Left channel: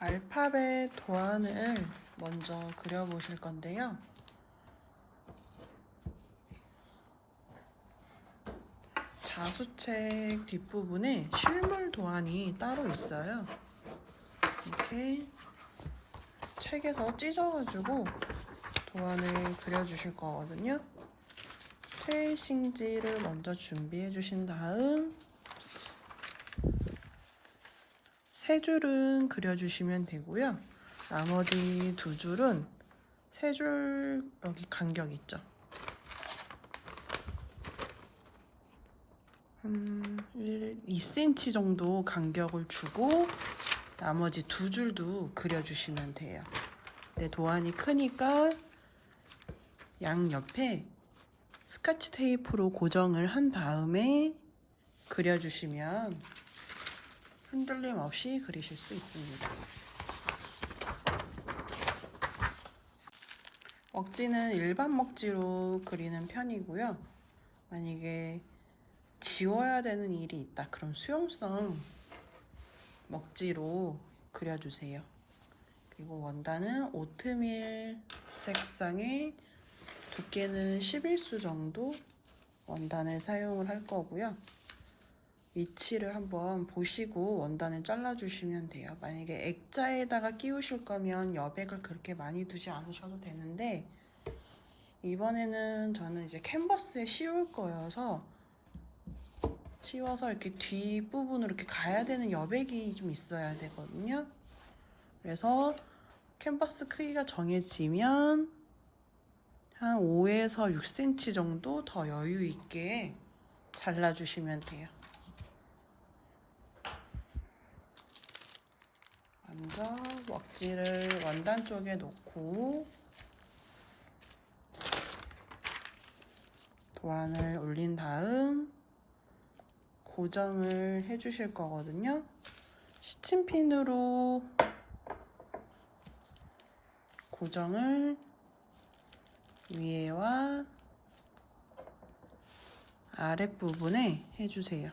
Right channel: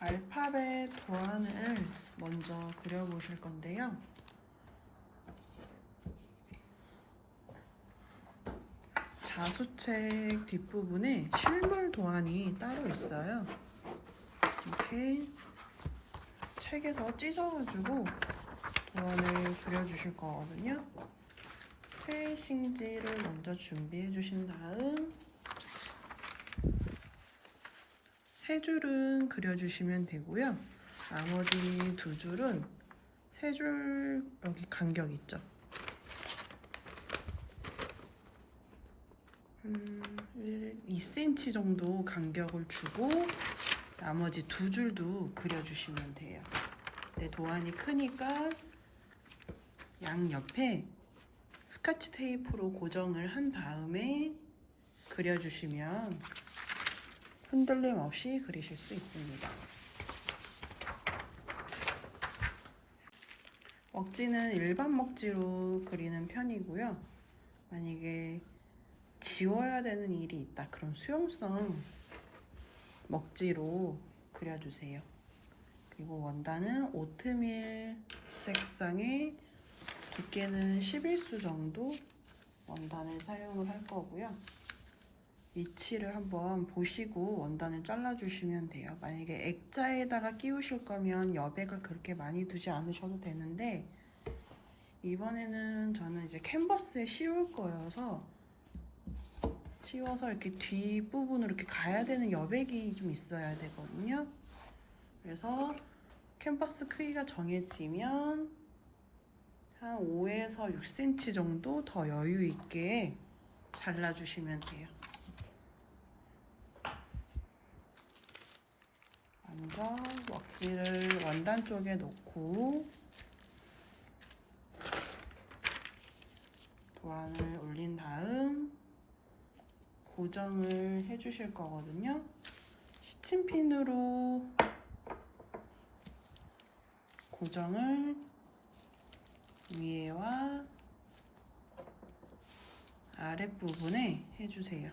알파벳 도안을 먼저 그려보실 건데요. 자수책 뒷부분에 실물 도안이 따로 있어요. 이렇게 책에서 찢어가지고 도안을 그려주실 거거든요. 트레이싱지를 먼저 준비해 주신 다음 세 줄은 그려주시면 되고요. 나머지 두 줄은 세 줄 여기 간격 있죠. 한 2cm 정도 간격을 주고 나머지 두 줄도 그려주시면 돼요. 네, 도안이 크니까 양옆에 스카치 테이프로 고정을 한 다음에 그려주시면 흔들림 없이 그리실 수 있습니다. 먹지는 일반 먹지로 그리는 편이고요. 만약에 지워야 되는 일이 있다, 그럼 수용성 먹지로 그려주세요. 그리고 원단은 오트밀 색상의 두께는 11수 정도 원단을 사용을 할 거고요. 위치를 한번 보시고 원단을 잘라주시면 돼요. 만약에 액자에다가 끼우실 거면 여백을 그렇게 많이 두지 않으셔도 되는데 이번에는 저는 이제 캔버스에 씌울 거여서 씌워서 이렇게 뒷부분으로 이렇게 가야 되는 여백이 좀 있어야 되거든요. 그래서 캔버스 크기가 정해지면 한 5에서 6cm 정도 더 여유 있게 잘라주시면 돼요. 먼저 먹지를 원단 쪽에 놓고 도안을 올린 다음 고정을 해주실 거거든요. 시침핀으로 고정을 위에와 아랫부분에 해주세요.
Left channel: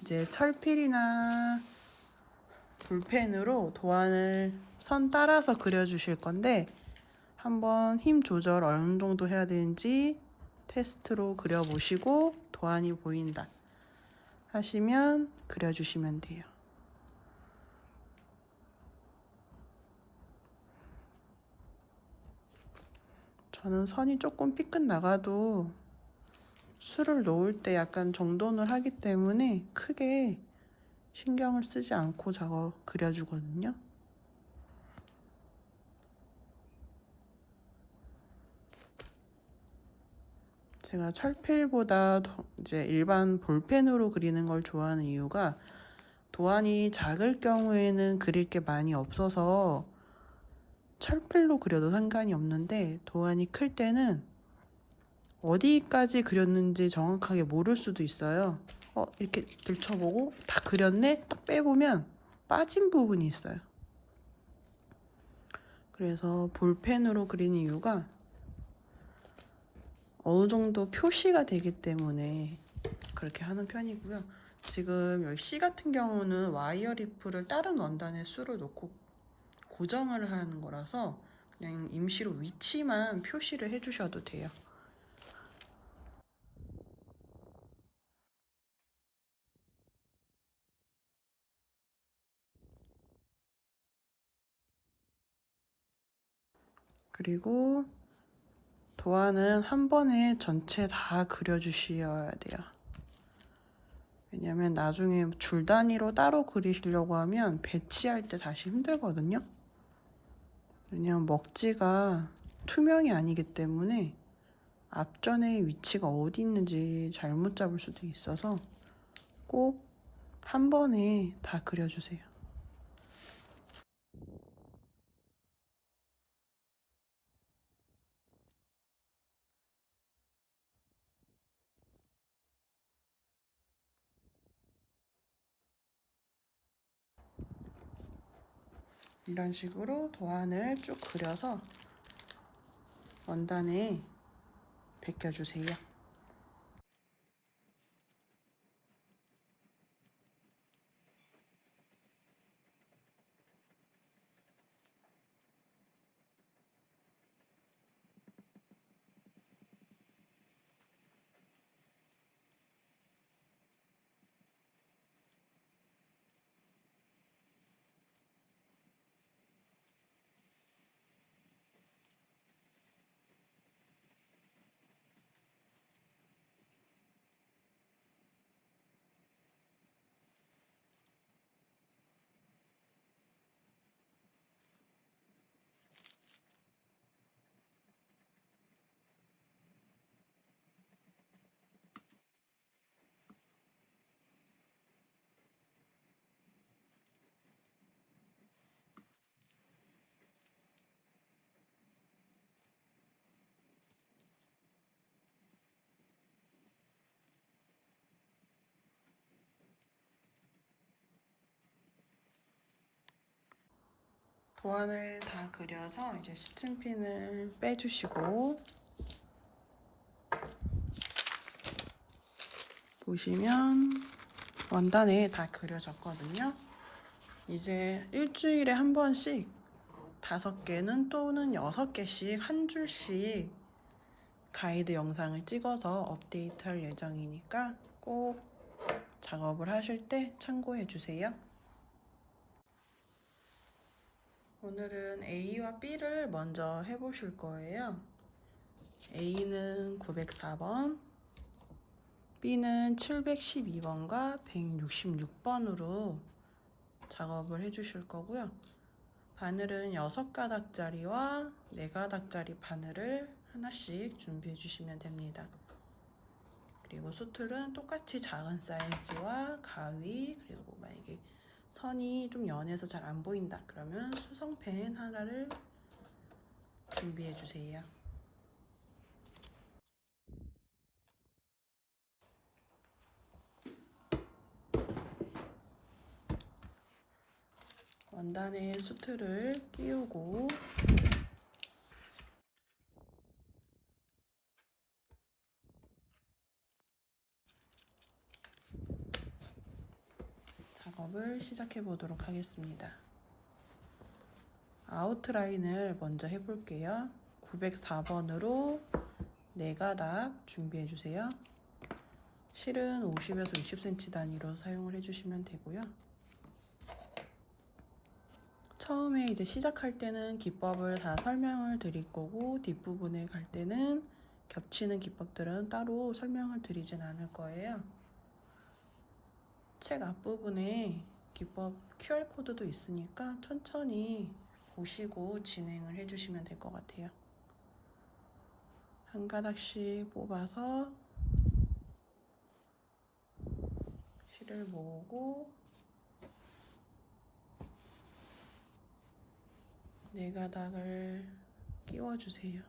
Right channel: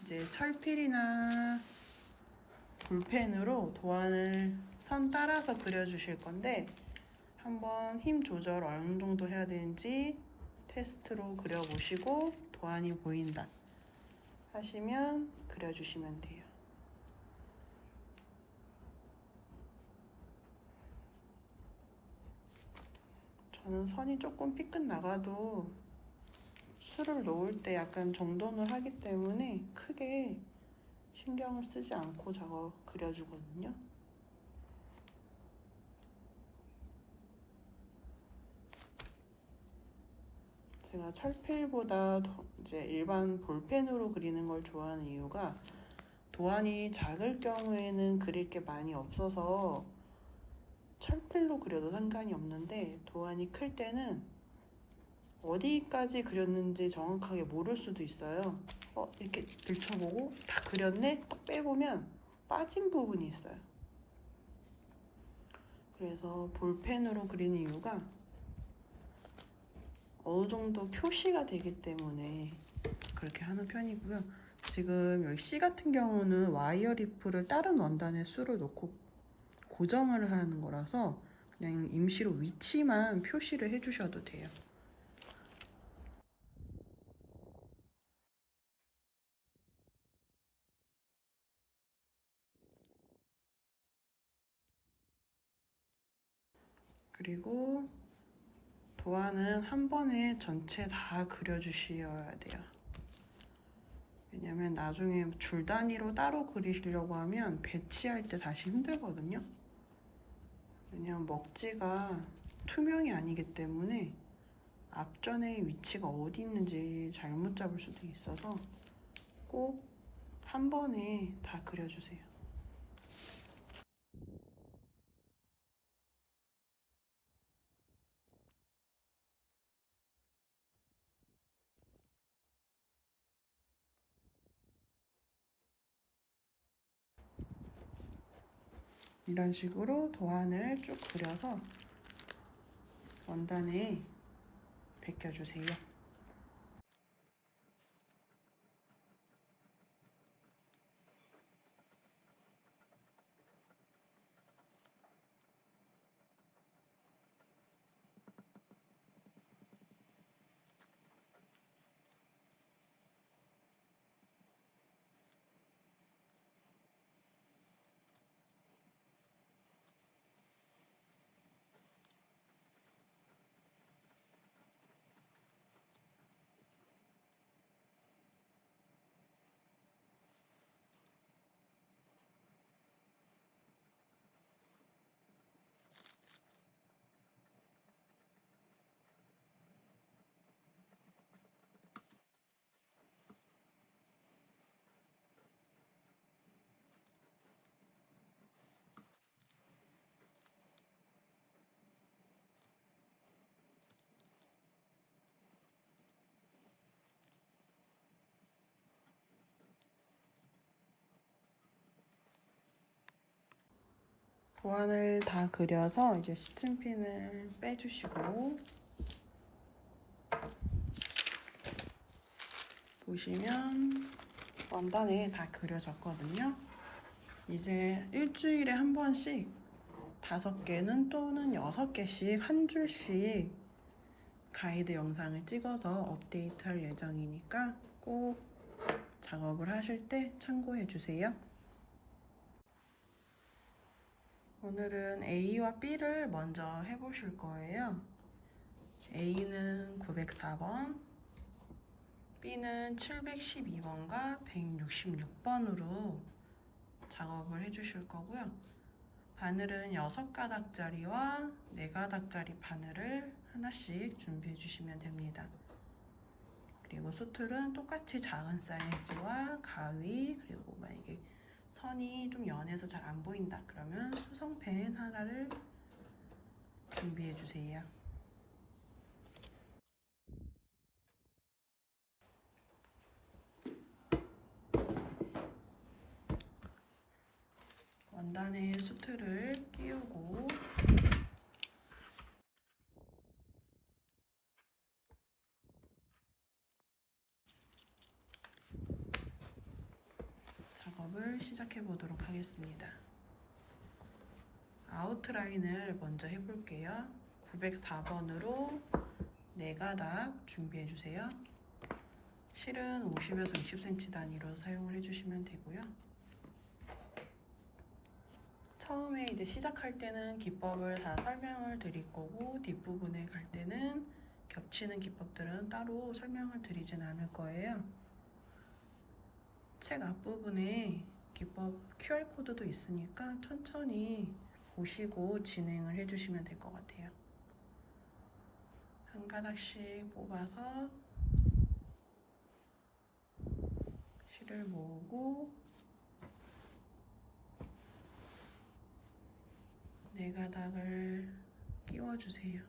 이제 철필이나 볼펜으로 도안을 선 따라서 그려주실 건데 한번 힘 조절 어느 정도 해야 되는지 테스트로 그려보시고 도안이 보인다 하시면 그려주시면 돼요. 저는 선이 조금 삐끗 나가도 술을 놓을 때 약간 정돈을 하기 때문에 크게 신경을 쓰지 않고 그려주거든요. 제가 철필보다 이제 일반 볼펜으로 그리는 걸 좋아하는 이유가 도안이 작을 경우에는 그릴 게 많이 없어서 철필로 그려도 상관이 없는데 도안이 클 때는 어디까지 그렸는지 정확하게 모를 수도 있어요. 이렇게 들춰보고 다 그렸네? 딱 빼보면 빠진 부분이 있어요. 그래서 볼펜으로 그리는 이유가 어느 정도 표시가 되기 때문에 그렇게 하는 편이고요. 지금 여기 C 같은 경우는 와이어 리프를 다른 원단에 수를 놓고 고정을 하는 거라서 그냥 임시로 위치만 표시를 해주셔도 돼요. 그리고 도안은 한 번에 전체 다 그려주셔야 돼요. 왜냐면 나중에 줄 단위로 따로 그리시려고 하면 배치할 때 다시 힘들거든요. 왜냐면 먹지가 투명이 아니기 때문에 앞전의 위치가 어디 있는지 잘못 잡을 수도 있어서 꼭 한 번에 다 그려주세요. 이런 식으로 도안을 쭉 그려서 원단에 베껴주세요. 도안을 다 그려서 이제 시침핀을 빼주시고, 보시면 원단에 다 그려졌거든요. 이제 일주일에 한 번씩 5개는 또는 6개씩 한 줄씩 가이드 영상을 찍어서 업데이트할 예정이니까 꼭 작업을 하실 때 참고해 주세요. 오늘은 A와 B를 먼저 해보실 거예요. A는 904번, B는 712번과 166번으로 작업을 해주실 거고요. 바늘은 6가닥짜리와 4가닥짜리 바늘을 하나씩 준비해 주시면 됩니다. 그리고 수틀은 똑같이 작은 사이즈와 가위, 그리고 만약에 선이 좀 연해서 잘 안 보인다 그러면 수성펜 하나를 준비해 주세요. 원단에 수틀을 끼우고 작업을 시작해 보도록 하겠습니다. 아웃라인을 먼저 해볼게요. 904번으로 4가닥 준비해 주세요. 실은 50에서 60cm 단위로 사용을 해주시면 되고요. 처음에 이제 시작할 때는 기법을 다 설명을 드릴 거고, 뒷부분에 갈 때는 겹치는 기법들은 따로 설명을 드리진 않을 거예요. 책 앞부분에 기법 QR코드도 있으니까 천천히 보시고 진행을 해주시면 될 것 같아요. 한 가닥씩 뽑아서 실을 모으고 4가닥을 끼워주세요.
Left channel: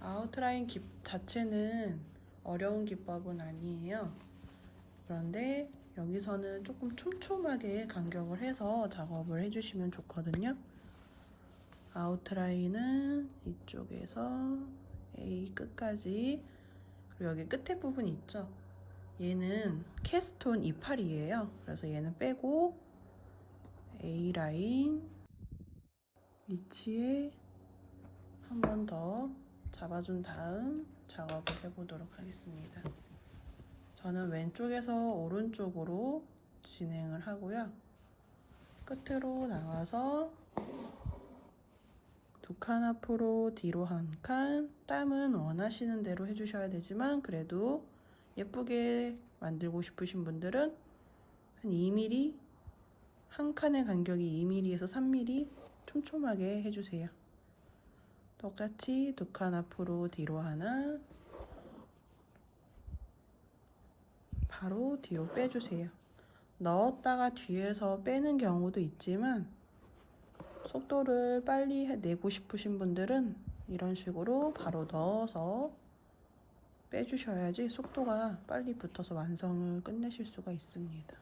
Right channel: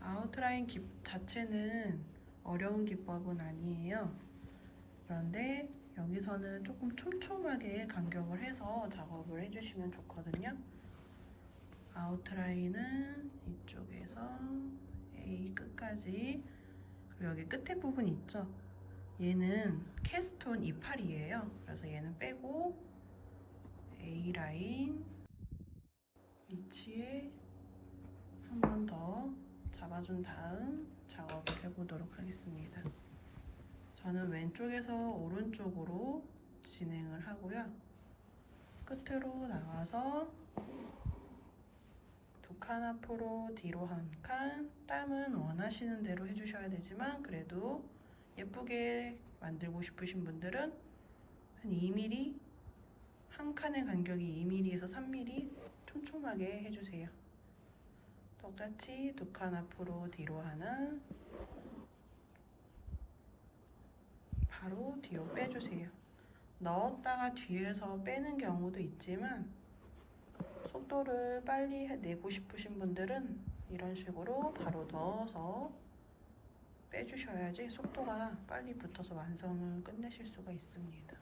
아웃라인 자체는 어려운 기법은 아니에요. 그런데 여기서는 조금 촘촘하게 간격을 해서 작업을 해주시면 좋거든요. 아웃라인은 이쪽에서 A 끝까지, 그리고 여기 끝에 부분 있죠? 얘는 캐스톤 이파리예요. 그래서 얘는 빼고 A라인 위치에 한 번 더 잡아준 다음 작업을 해보도록 하겠습니다. 저는 왼쪽에서 오른쪽으로 진행을 하고요. 끝으로 나와서 2칸 앞으로 뒤로 1칸, 땀은 원하시는 대로 해주셔야 되지만 그래도 예쁘게 만들고 싶으신 분들은 한 2mm, 한 칸의 간격이 2mm에서 3mm 촘촘하게 해주세요. 똑같이 2칸 앞으로 뒤로 하나, 바로 뒤로 빼주세요. 넣었다가 뒤에서 빼는 경우도 있지만 속도를 빨리 내고 싶으신 분들은 이런 식으로 바로 넣어서 빼주셔야지 속도가 빨리 붙어서 완성을 끝내실 수가 있습니다.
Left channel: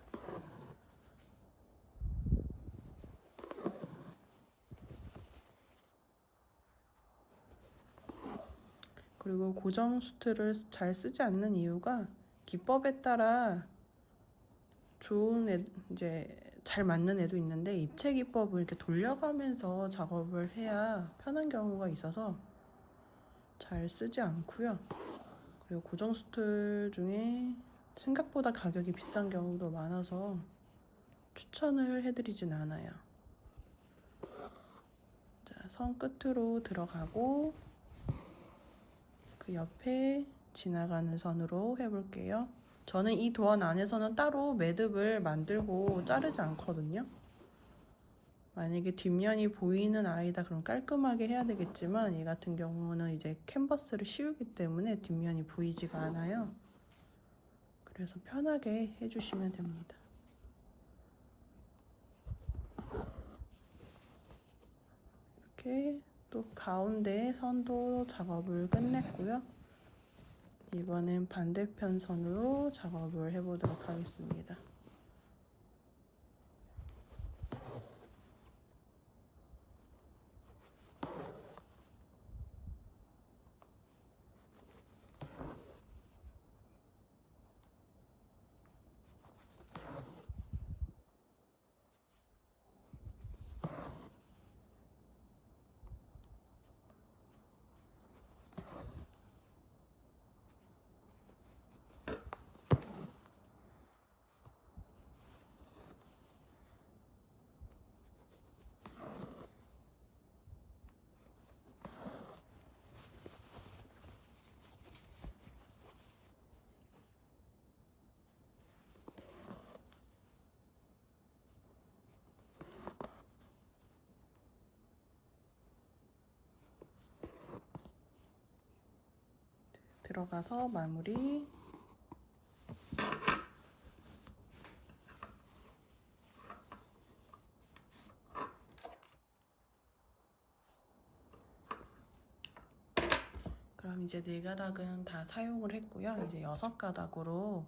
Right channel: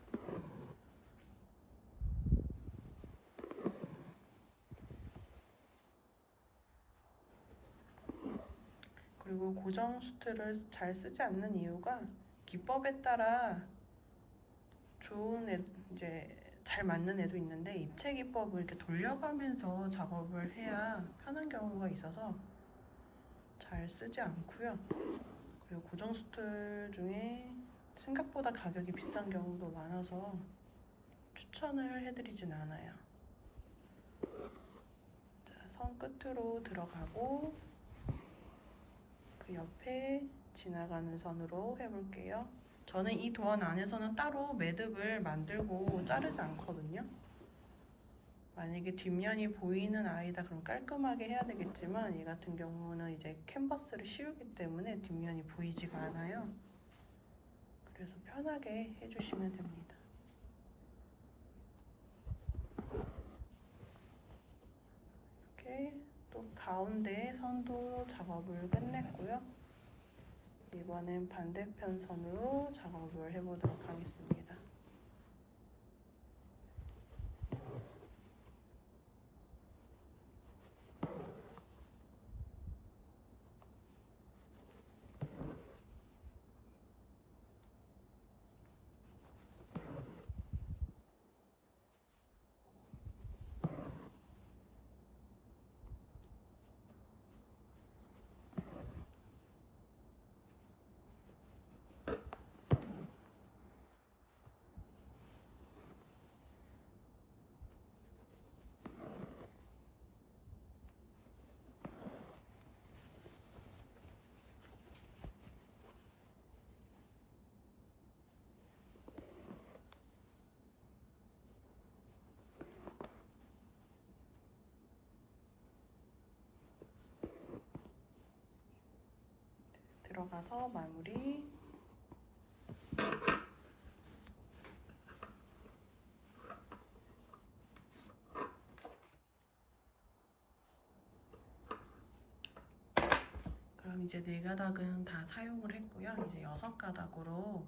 그리고 고정 수트를 잘 쓰지 않는 이유가 기법에 따라 좋은 이제 잘 맞는 애도 있는데 입체 기법을 이렇게 돌려가면서 작업을 해야 편한 경우가 있어서 잘 쓰지 않고요. 그리고 고정 수트 중에 생각보다 가격이 비싼 경우도 많아서 추천을 해드리진 않아요. 자, 선 끝으로 들어가고 그 옆에 지나가는 선으로 해볼게요. 저는 이 도안 안에서는 따로 매듭을 만들고 자르지 않거든요. 만약에 뒷면이 보이는 아이다 그럼 깔끔하게 해야 되겠지만 이 같은 경우는 이제 캔버스를 씌우기 때문에 뒷면이 보이지가 않아요. 그래서 편하게 해주시면 됩니다. 이렇게 또 가운데 선도 작업을 끝냈고요. 이번엔 반대편 선으로 작업을 해보도록 하겠습니다. 들어가서 마무리. 그럼 이제 4가닥은 다 사용을 했고요. 이제 6가닥으로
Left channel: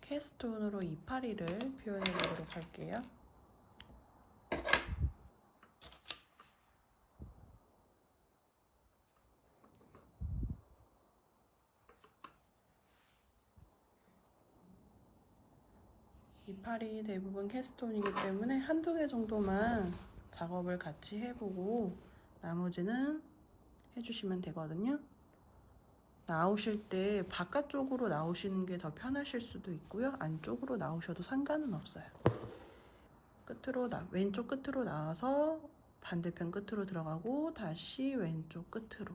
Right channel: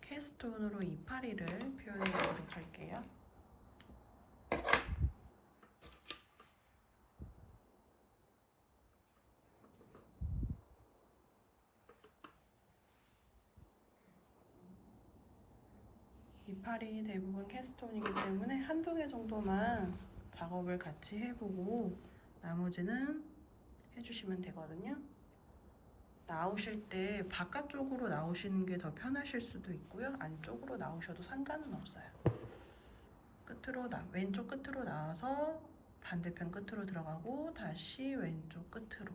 캐스톤으로 이파리를 표현해 보도록 할게요. 이파리 대부분 캐스톤이기 때문에 한두 개 정도만 작업을 같이 해보고 나머지는 해주시면 되거든요. 나오실 때 바깥쪽으로 나오시는 게 더 편하실 수도 있고요. 안쪽으로 나오셔도 상관은 없어요. 왼쪽 끝으로 나와서 반대편 끝으로 들어가고 다시 왼쪽 끝으로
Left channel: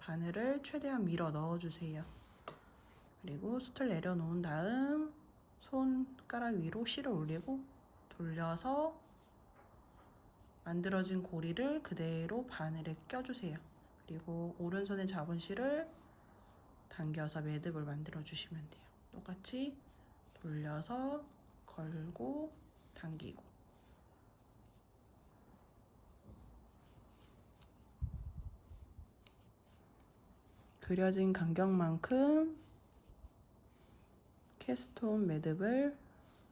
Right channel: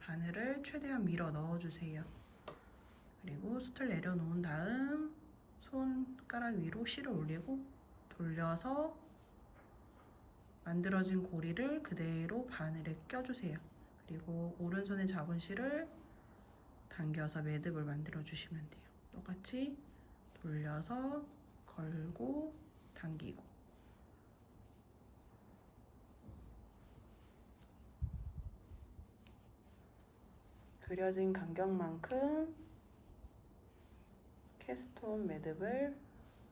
바늘을 최대한 밀어 넣어주세요. 그리고 숫을 내려놓은 다음 손가락 위로 실을 올리고 돌려서 만들어진 고리를 그대로 바늘에 껴주세요. 그리고 오른손에 잡은 실을 당겨서 매듭을 만들어 주시면 돼요. 똑같이 돌려서 걸고 당기고. 그려진 간격만큼 캐스톤 매듭을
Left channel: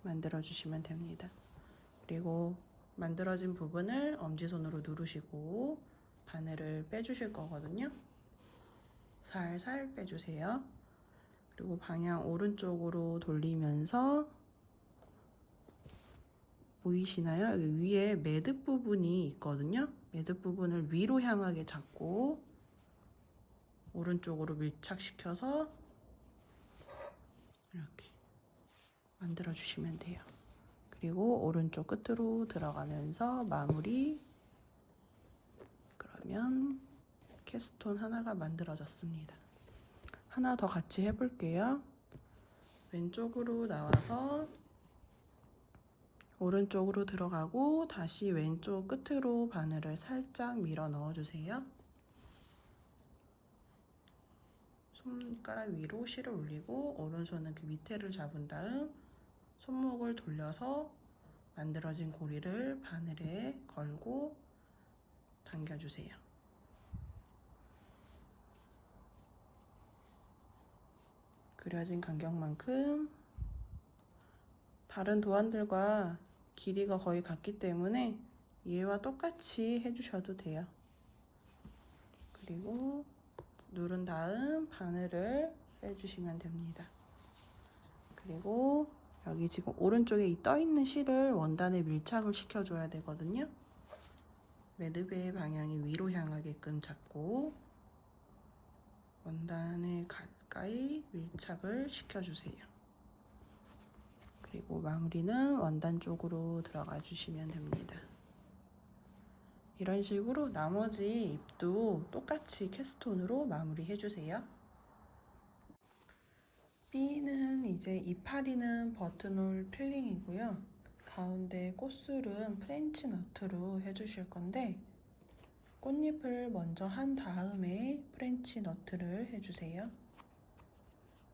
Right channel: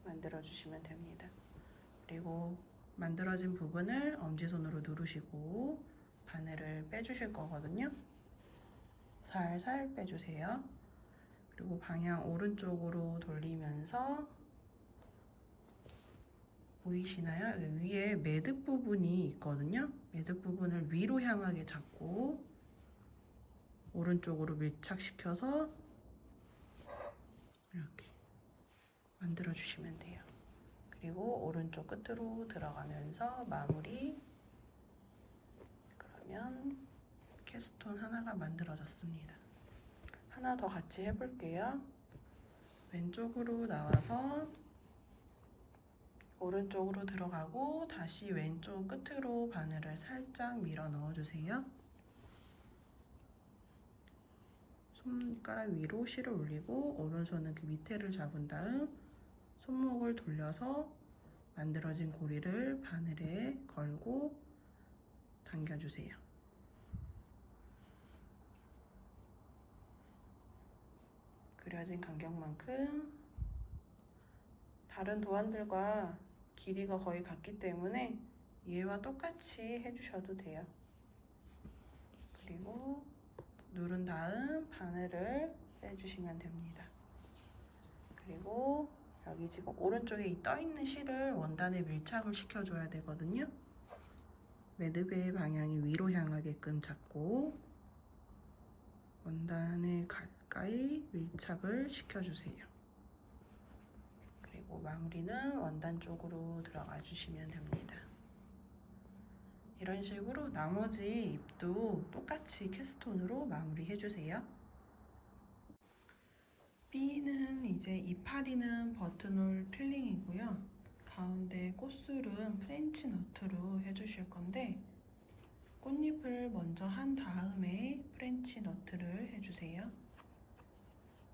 만들어 주시면 됩니다. 그리고 만들어진 부분을 엄지손으로 누르시고 바늘을 빼주실 거거든요. 살살 빼주세요. 그리고 방향 오른쪽으로 돌리면서 보이시나요? 여기 위에 매듭 부분이 있거든요. 매듭 부분을 위로 향하게 잡고 오른쪽으로 밀착시켜서 이렇게 만들어 주시면 돼요. 그리고 오른쪽 끝으로 들어가면서 마무리. 그러면 캐스톤 하나가 만들어졌습니다. 하나 더 같이 해볼게요. 왼쪽으로 나와서 오른쪽으로 들어가고 다시 왼쪽 끝으로 바늘을 살짝 밀어 넣어주세요. 손가락 위로 실을 올리고 오른손은 그 밑에를 잡은 다음 손목을 돌려서 만들어진 고리를 바늘에 걸고 당겨주세요. 그려진 간격만큼 다른 도안들과 길이가 거의 같기 때문에 얘와 똑같이 해주셔도 돼요. 그리고 누른 다음 바늘을 빼주시면 됩니다. 그리고 여기 지금 오른쪽에 떠있는 실을 원단에 밀착을 시켜줘야 되거든요. 매듭의 방향이 위로 향하게끔 잡고 원단에 가까이 밀착을 시켜주세요. 그리고 마무리는 원단 쪽으로 들어가 주시면 됩니다. 이런 식으로 나머지 잎도 똑같이 캐스톤으로 마무리 해주세요. B는 이제 이파리는 버튼홀 필링이고요. 가운데 꽃술은 프렌치 너트로 해주실 건데 꽃잎을 먼저 한 다음에 프렌치 너트를 해주세요.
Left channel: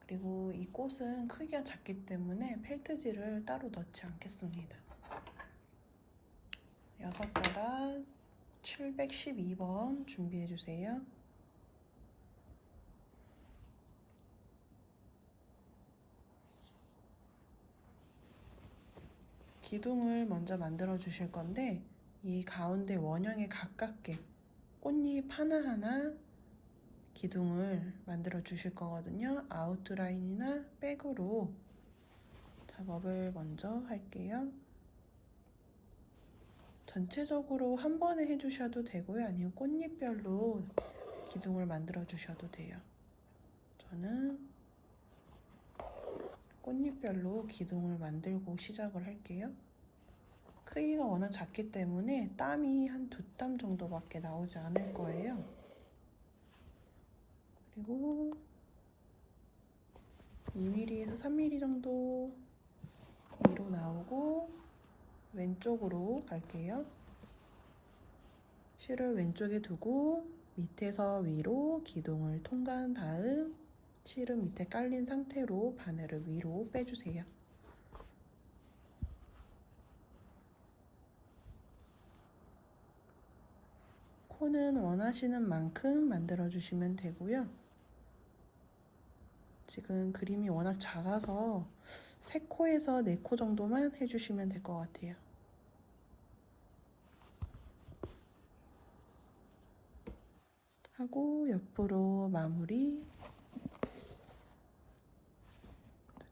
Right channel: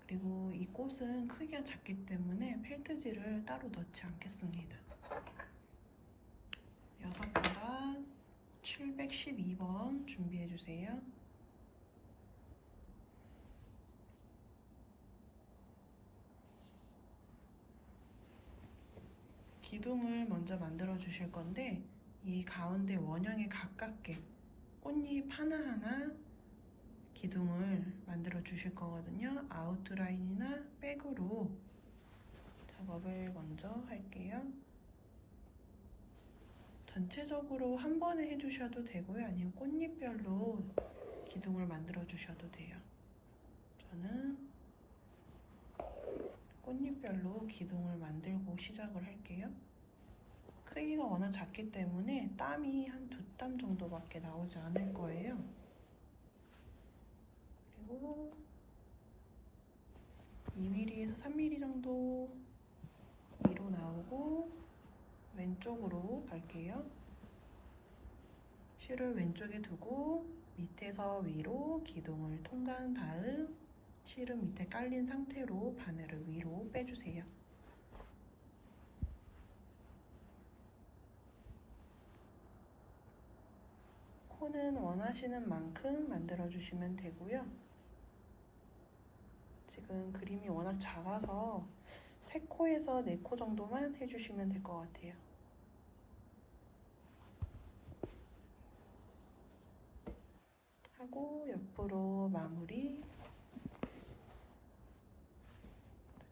그리고 이 꽃은 크기가 작기 때문에 펠트지를 따로 넣지 않겠습니다. 6가닥 712번 준비해 주세요. 기둥을 먼저 만들어 주실 건데 이 가운데 원형에 가깝게 꽃잎 하나하나 기둥을 만들어 주실 거거든요. 아웃라인이나 백으로 작업을 먼저 할게요. 전체적으로 한 번에 해주셔도 되고요. 아니면 꽃잎별로 기둥을 만들어 주셔도 돼요. 저는 꽃잎별로 기둥을 만들고 시작을 할게요. 크기가 워낙 작기 때문에 땀이 한 2땀 정도밖에 나오지 않을 거예요. 그리고 2mm에서 3mm 정도 위로 나오고 왼쪽으로 갈게요. 실을 왼쪽에 두고 밑에서 위로 기둥을 통과한 다음 실은 밑에 깔린 상태로 바늘을 위로 빼주세요. 코는 원하시는 만큼 만들어 주시면 되고요. 지금 그림이 워낙 작아서 3코에서 4코 정도만 해주시면 될 것 같아요. 하고 옆으로 마무리.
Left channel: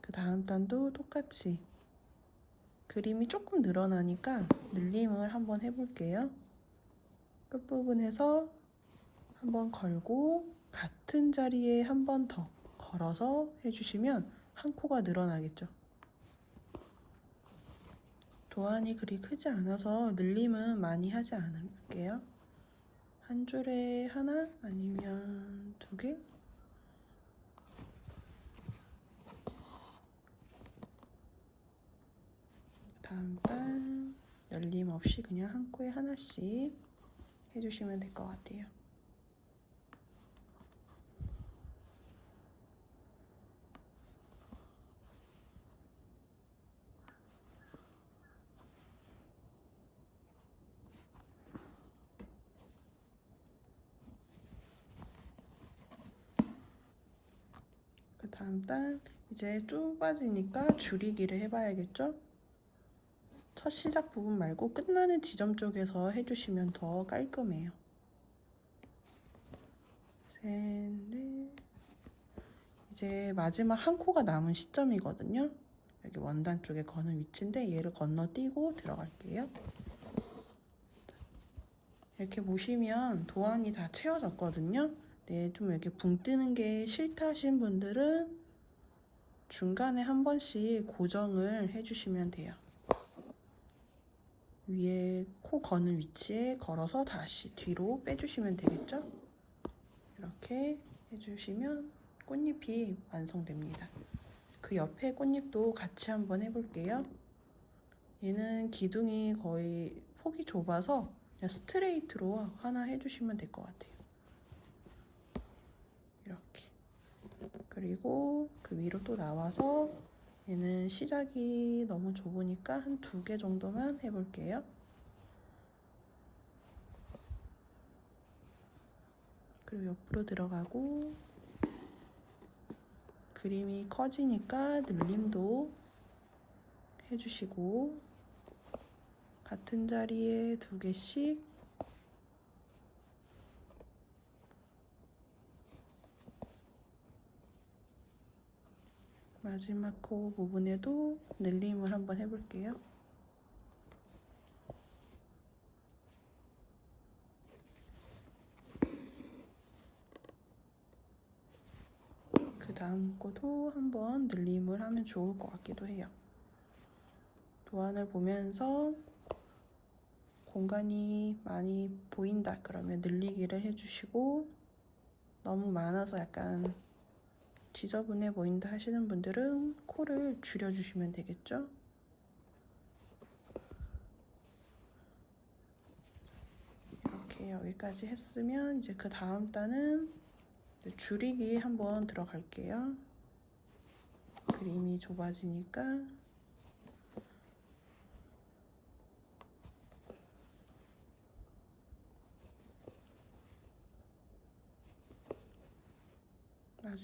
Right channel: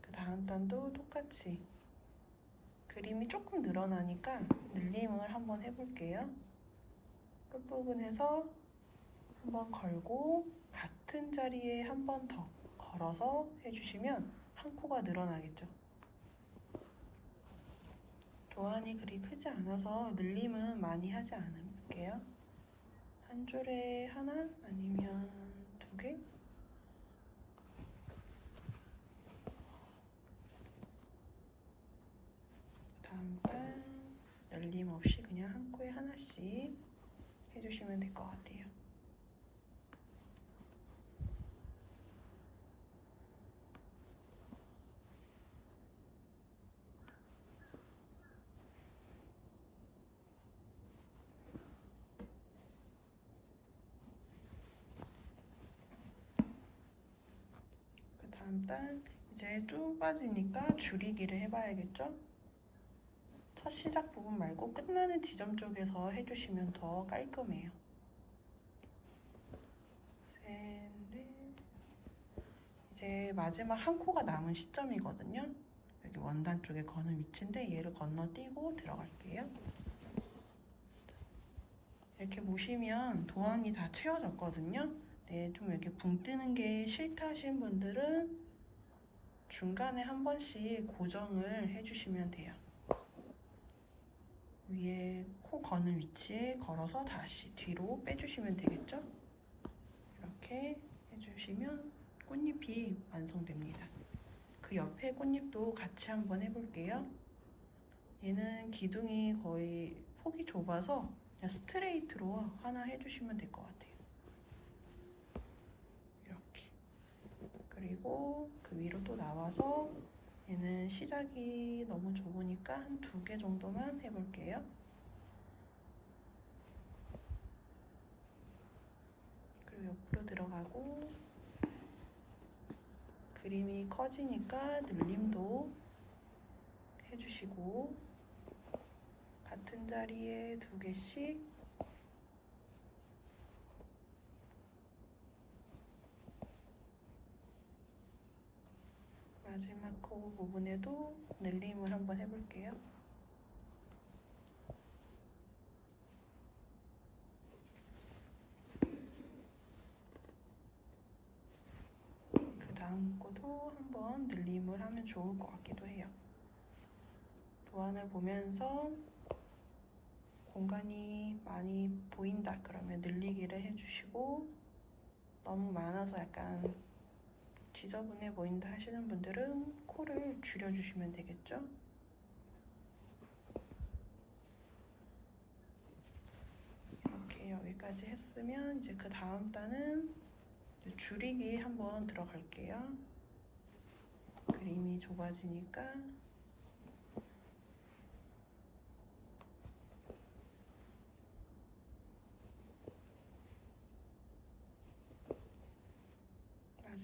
그 다음 단도 똑같이 그림이 조금 늘어나니까 늘림을 한번 해볼게요. 끝부분에서 한번 걸고 같은 자리에 한 번 더 걸어서 해주시면 한 코가 늘어나겠죠. 도안이 그리 크지 않아서 늘림은 많이 하지 않을게요. 한 줄에 하나 아니면 2개? 다음 판 늘림 없이 그냥 한 코에 하나씩 해주시면 될 것 같아요. 그 다음 단 이제 쭉 빠지니까 줄이기를 해봐야겠죠? 첫 시작 부분 말고 끝나는 지점 쪽에서 해주시면 더 깔끔해요. 셋, 넷. 이제 마지막 한 코가 남은 시점이거든요. 여기 원단 쪽에 거는 위치인데 얘를 건너뛰고 들어갈게요. 이렇게 보시면 도안이 다 채워졌거든요. 네, 좀 이렇게 붕 뜨는 게 싫다 하신 분들은 중간에 한 번씩 고정을 해주시면 돼요. 위에 코 거는 위치에 걸어서 다시 뒤로 빼주시면 되겠죠? 이렇게 해주시면 꽃잎이 완성됩니다. 그 옆에 꽃잎도 같이 한번 해볼게요. 얘는 기둥이 거의 폭이 좁아서 그냥 스트레이트로 하나 해주시면 될 것 같아요. 이렇게. 그리고 그 위로 또 나와서 얘는 시작이 너무 좁으니까 한 2개 정도만 해볼게요. 그리고 옆으로 들어가고 그림이 커지니까 늘림도 해주시고 같은 자리에 2개씩 마지막 코 부분에도 늘림을 한번 해볼게요. 그 다음 코도 한번 늘림을 하면 좋을 것 같기도 해요. 도안을 보면서 공간이 많이 보인다 그러면 늘리기를 해주시고 너무 많아서 약간 지저분해 보인다 하시는 분들은 코를 줄여주시면 되겠죠? 이렇게 여기까지 했으면 이제 그 다음 단은 줄이기 한번 들어갈게요. 그림이 좁아지니까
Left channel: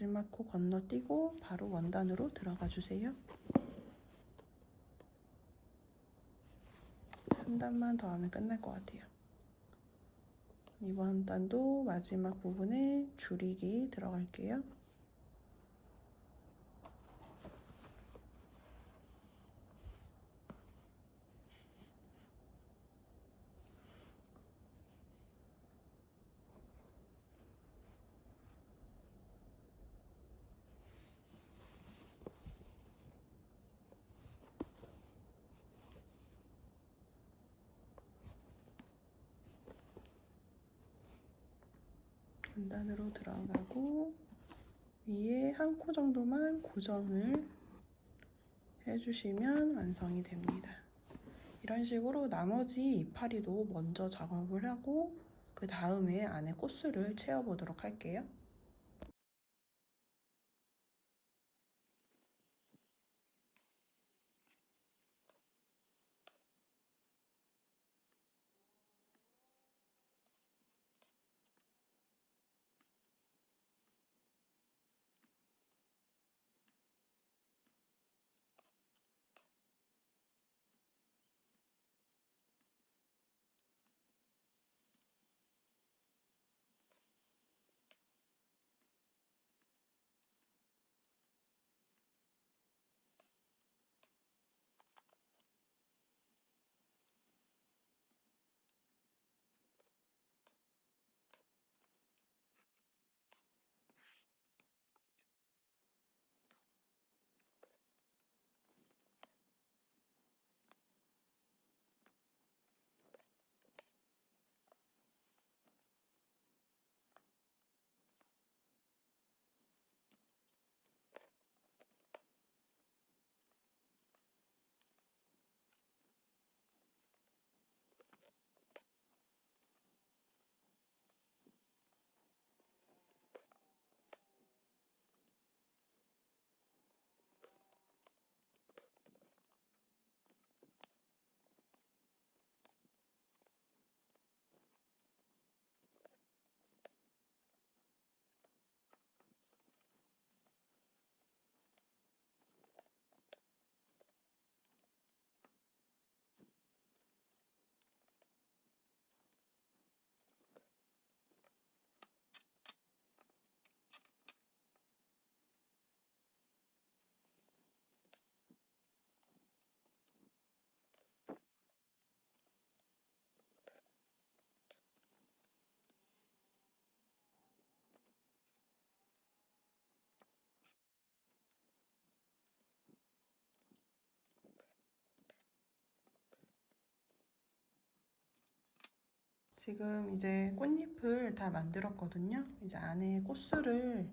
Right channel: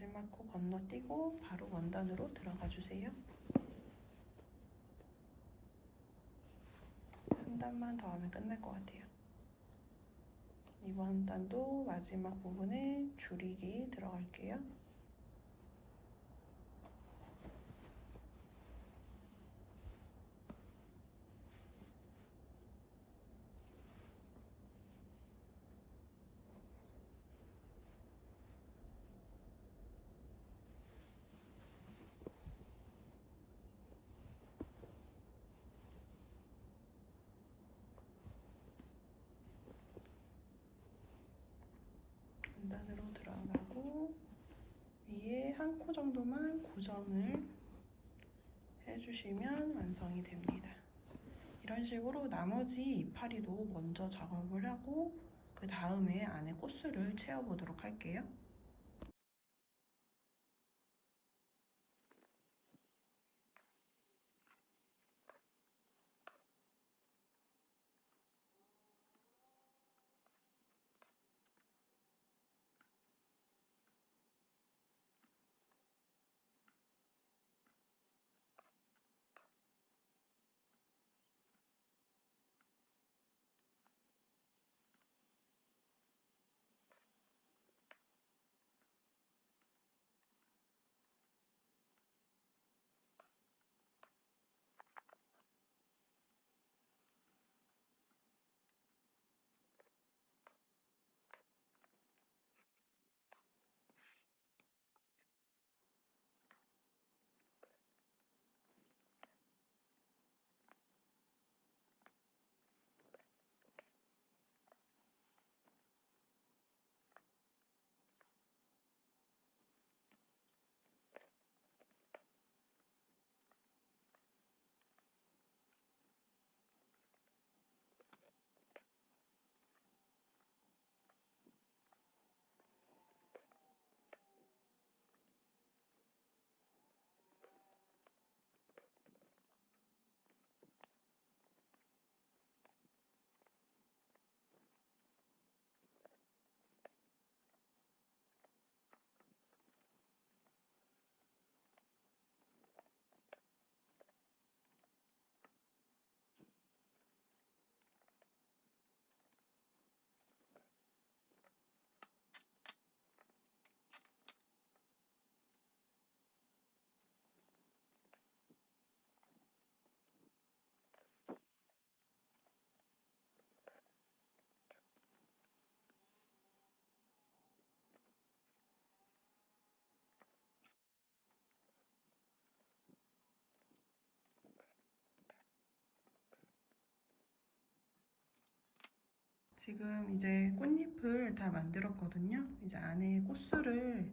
마지막 코 건너뛰고 바로 원단으로 들어가 주세요. 한 단만 더 하면 끝날 것 같아요. 이번 단도 마지막 부분에 줄이기 들어갈게요. 원단으로 들어가고 위에 한 코 정도만 고정을 해주시면 완성이 됩니다. 이런 식으로 나머지 이파리도 먼저 작업을 하고 그 다음에 안에 코스를 채워보도록 할게요. 지금 이제 꽃잎을 다 만들었거든요. 이제 안에 꽃술을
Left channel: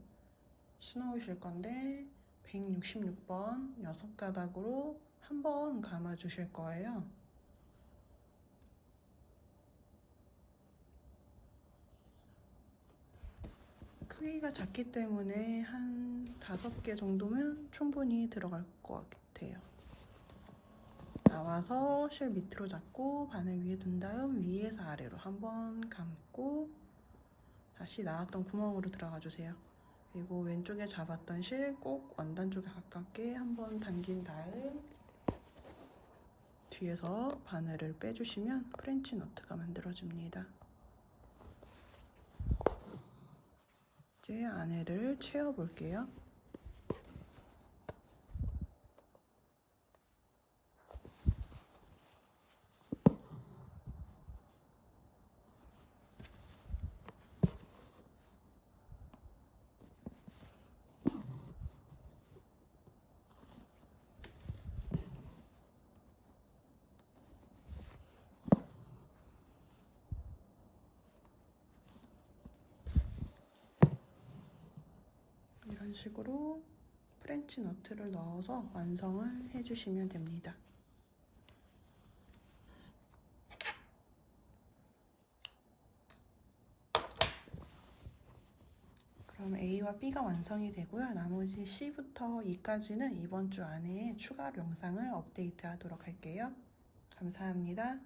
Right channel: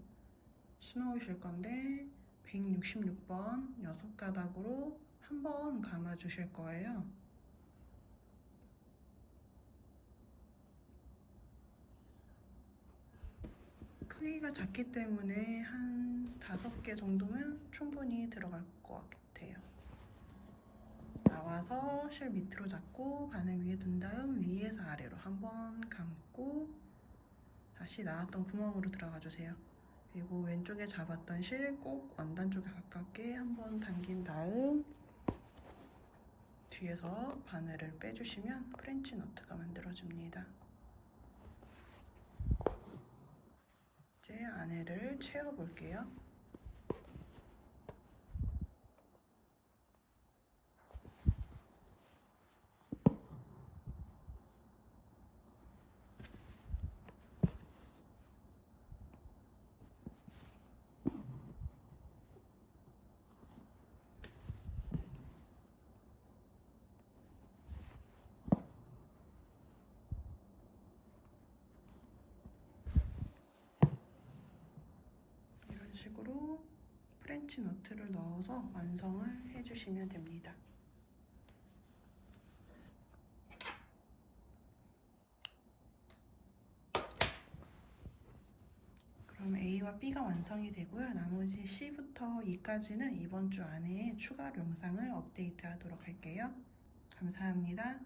수놓으실 건데 166번 6가닥으로 한 번 감아 주실 거예요. 크기가 작기 때문에 한 5개 정도면 충분히 들어갈 것 같아요. 나와서 실 밑으로 잡고 바늘 위에 둔 다음 위에서 아래로 한 번 감고 다시 나왔던 구멍으로 들어가 주세요. 그리고 왼쪽에 잡았던 실 꼭 원단 쪽에 가깝게 한 번 당긴 다음 뒤에서 바늘을 빼주시면 프렌치 너트가 만들어집니다. 이제 안에를 채워볼게요. 이런 식으로 프렌치 너트를 넣어서 완성을 해주시면 됩니다. 그럼 A와 B가 완성이 되고요. 나머지 C부터 E까지는 이번 주 안에 추가로 영상을 업데이트하도록 할게요. 감사합니다.